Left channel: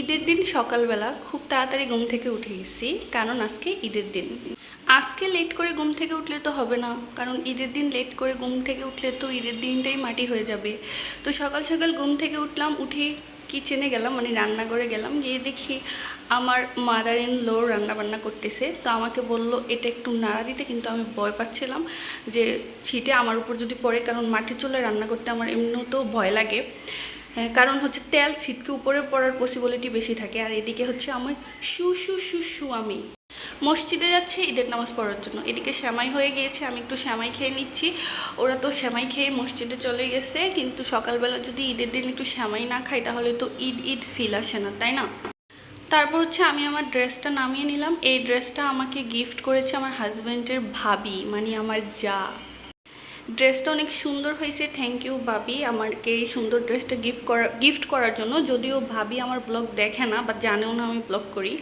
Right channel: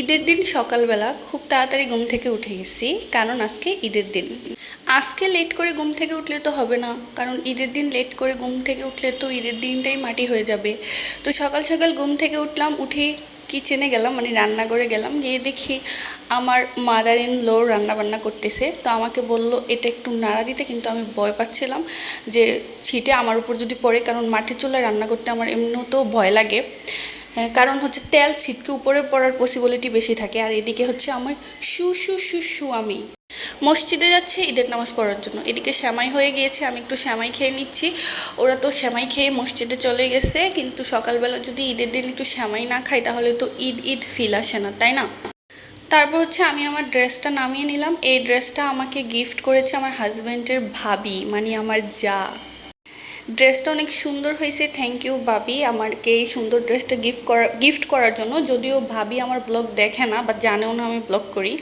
ঈদের দিন সকালবেলা খুব তাড়াতাড়ি ঘুম থেকে উঠে গেছি, কারণ আজকে ঈদের দিন। আজকে লেট করে ঘুম থেকে উঠলে তো হবে না, কারণ ঈদের দিন লেট করে ঘুম থেকে উঠলে তো ঈদের দিনটাই মাটি হয়ে যাবে। তো সকাল সকাল ঘুম থেকে উঠলাম, উঠে কিচেনে গেলাম, মানে রান্নাঘরে গেলাম, গিয়ে দেখি আমার মাদার ইন লো রান্না বান্না করতেছে। তো আমাকে বলল এটা একটু নাড়া দিতে, কিন্তু আমি ভয় পাচ্ছিলাম যে ছিটে আমার উপর যদি পড়ে, কারণ মাটির চুলায় রান্না করতে আমার এমনিতেও ভয় লাগে। কারণ হচ্ছে তেল ছিটকে উপরে পড়ার পসিবিলিটি বেশি থাকে। আর এদিকে হচ্ছে আমার শু শু শু শু আমি মসজিদে যাচ্ছে ঈদের নামাজ পড়ার জন্য। এদিকে সেমাই হয়ে গিয়েছে, আমি একটু সেমাই খেয়ে নিচ্ছি। ওরা তো সেমাই খেয়ে মসজিদে চলে গেছে, কিন্তু সকালবেলা যদি ঈদের দিন একটু সেমাই না খাই তাহলে তো ঈদ ঈদ ফিল আসে না, তাই না? তারপর হচ্ছে আমি আমার ড্রেসটা নামিয়ে নিলাম। এই ড্রেসটা আমাকে গিফট করেছে আমার হাজব্যান্ডের ভাবি, মানে আমার যা। ড্রেসটা অনেক সুন্দর হয়েছে, থ্যাংক ইউ ভাবি আমাকে এই সুন্দর ড্রেসটা গিফট করার জন্য। যদিও ভাবি আমার ব্লগ দেখে না বা জানেও না আমি ব্লগ করি,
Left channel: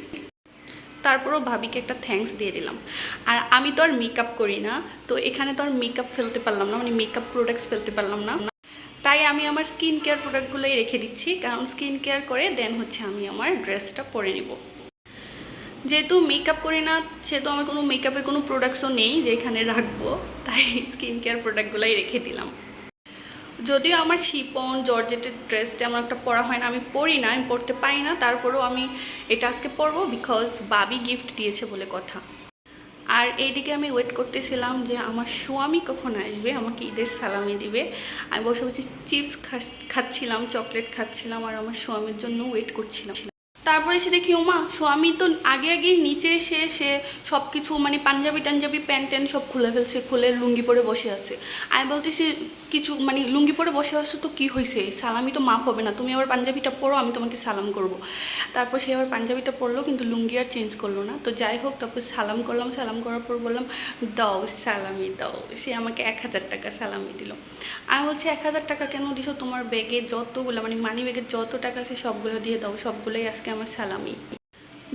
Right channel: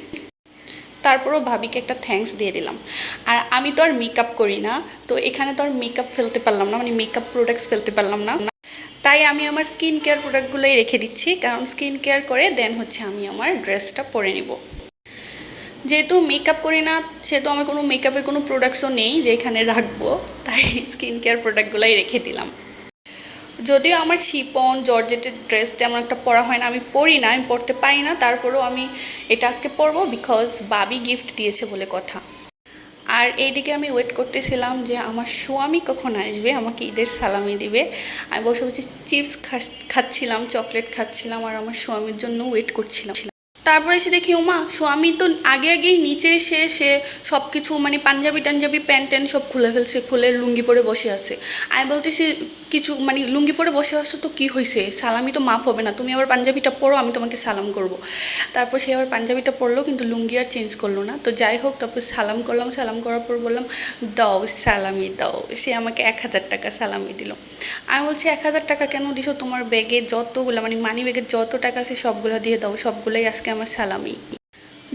তারপরও ভাবিকে একটা থ্যাঙ্কস দিয়ে দিলাম। আর আমি তো আর মেকআপ করি না, তো এখানে তো আর মেকআপ ফেলতে পারলাম না, মানে মেকআপ প্রোডাক্টস ফেলতে পারলাম না। তাই আমি আমার স্কিন কেয়ার প্রোডাক্টগুলোই রেখে দিচ্ছি, কারণ স্কিন কেয়ার করে দেন হচ্ছে আমি আমার ড্রেসটা পরে নিব। যেহেতু মেকআপ করি না, সেহেতু আমার কোনো মেকআপের কোনো প্রোডাক্টসও নেই যে এখানে রাখবো, তাই স্কিন কেয়ার প্রোডাক্টগুলোই রেখে দিলাম। যদিও আমার শিপন জর্জেটের ড্রেস তেমন একটা পরা হয় না, আমি পরি না, আমি পরতে পারি না, তারপরেও আমি এটা আজকে পরবো বিকজ বাবি গিফট দিয়েছে বলে কথা। আর এইদিকে আমি ওয়েট করতেছিলাম যে আমার স্বামী কখন আসবে, আমাকে ঈদের সালামি দিবে। আমি বসে বসে চিপস খাচ্ছিলাম, চকলেট খাচ্ছিলাম, আর আমার স্বামীর জন্য ওয়েট করছিলাম। তারপরে এসে দেখি ওমা স্বামী তো আগে আগেই নিচে এসে সে সব কিছু মানে পাঞ্জাবি টাঞ্জাবি প্যান্ট ট্যান্ট সব খুলে ফেলছে, খুলে লুঙ্গি পরে বসে আছে। আমি বলতেছি কিছু মানে লুঙ্গি পরে বসে আসছো তো কী হয়েছে, সালামি তো মাফ হবে না, তুমি আবার পাঞ্জাবিটা পরো, আমি তোমাকে সালাম করব। তারপর সে আবার পাঞ্জাবিটা পরলো, কিন্তু লুঙ্গি আর চেঞ্জ করলো না। তো যাই হোক, তারপর সালাম করলাম, সালাম করার পর বললাম দাও সালামি দাও। সে আমাকে 1000 টাকা সালামি দিল। আমি বলছি 1000 টাকা কেন দিছো, তোমার ব্যাগে যতগুলো মানে মানি ব্যাগে যত টাকা আছে সবগুলো দিয়ে দাও, সবগুলোই আজকে আমার সালামি।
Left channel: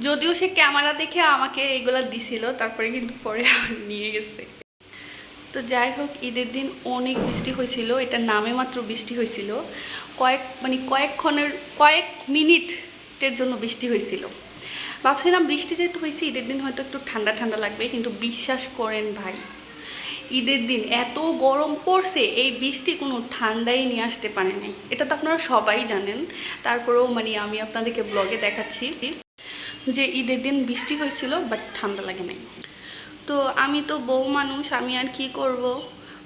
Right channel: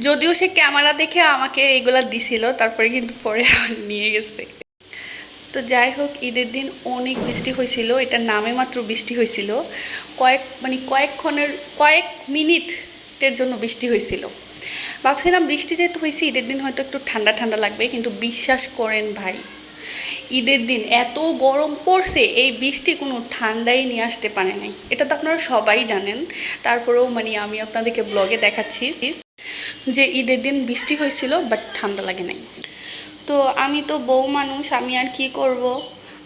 যদিও সে ক্যামেরা দেখে আমাকে এগুলা দিছিল, তারপরে কিন্তু পরে নিয়ে গেছে। তো যাই হোক, ঈদের দিন অনেক বৃষ্টি হয়েছিল, এটা নামে মাত্র বৃষ্টি হয়েছিল, কয়েক মিনিটের জন্য বৃষ্টি হয়েছিল। ভাবছিলাম বৃষ্টি যেহেতু হয়েছে ঈদের দিন হয়তো একটু ঠান্ডা ঠান্ডা লাগবে, কিন্তু বিশ্বাস করেন ভাই, ঈদের দিন এত গরম পড়ছে, এই বৃষ্টি কোনো ঠান্ডাই নিয়ে আসতে পারে নাই। এটা তো আপনারা সবাই জানেন, তারপরেও মানে আমি আপনাদেরকে ব্লগে দেখাচ্ছি যে ঈদের দিন বৃষ্টি হয়েছিল বাট ঠান্ডা লাগে নাই। তো আমি তো বউ মানুষ, আমি আর কি করব,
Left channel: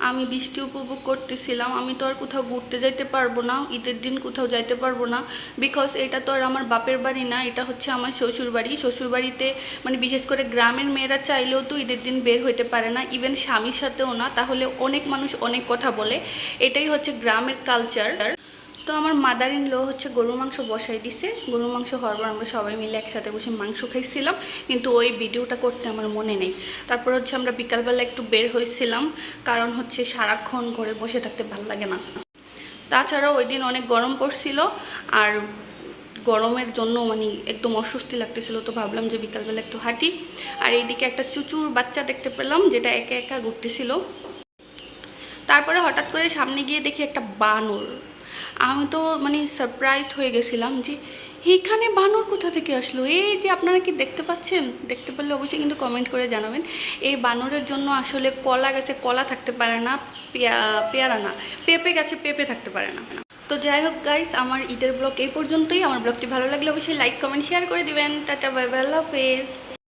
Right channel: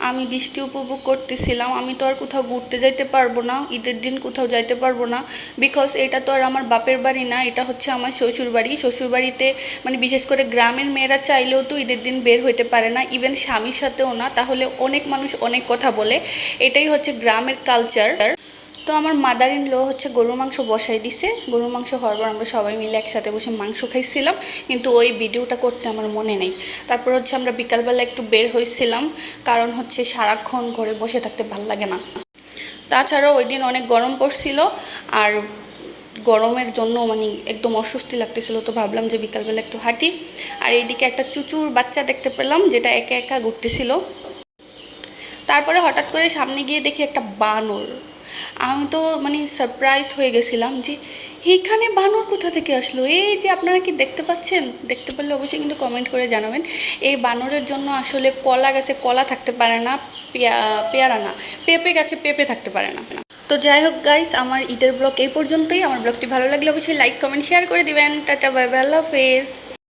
আমি বৃষ্টি উপভোগ করতেছিলাম। আমি তো আর কোথাও ঘুরতে যাইতে পারবো না, ঈদের দিন কোথাও যাইতে পারবো না, বিকজ এটা তো আর আমার বাপের বাড়ি না, এটা হচ্ছে আমার শ্বশুর বাড়ি। শ্বশুর বাড়িতে মানে বিশেষ করে গ্রামের মেয়েরা চাইলেও তো ঈদের দিন বের হইতে পারে না, ইভেন স্বামীর সাথেও না, তাহলে অনেক মানুষ অনেক কথা বলে। এটাই হচ্ছে গ্রামের কালচার। তো আমার মাদার ইন ল হচ্ছে গরুর মাংস বসাই দিছে, গরুর মাংস হওয়ার পর আমরা সবাই মিলে একসাথে বসে মাংস খাইছিলাম, কিন্তু ওই ভিডিওটা করতে আমার মনে নেই। তারপর হচ্ছে আমরা বিকালবেলা একটু বের হয়েছিলাম, কারণ হচ্ছে সারাক্ষণ ঘরে বসে থাকতে ভাল লাগে না। তাছাড়াও ওই দিন অনেক গরম পড়ছিল, আর গরমের জন্য মানে একদম অস্বস্তি লাগতেছিল, তো ভাবলাম যে বিকালবেলা একটু হাঁটি। আর এইদিকে একটা চুচুর বাচ্চা দেখতে পেলাম, যেটা একা একা ঘুরতেছিল। তারপরে হঠাৎ করে সামনে গিয়ে দেখি একটা বানর। আমি তো মানে সারপ্রাইজড হয়ে গেছিলাম যে এইখানে বানর কোথা থেকে আসলো। এই যে আপনারা কি দেখতে পাচ্ছেন, দেখতে পারলে অবশ্যই কিন্তু কমেন্ট করে জানাবেন। এই বানরের জন্য আসলে কলা গাছে কলা থাকতে পারে না, পেয়ারা না, পেঁপে গাছে পেঁপে থাকতে পারে না। তো যাই হোক গাইস, আমার ঈদের ব্লগ এই পর্যন্তই। আমার ব্লগটি ভালো লাগলে অবশ্যই লাইক কমেন্ট শেয়ার করে দিবেন। টাটা বাই বাই, আল্লাহ হাফেজ।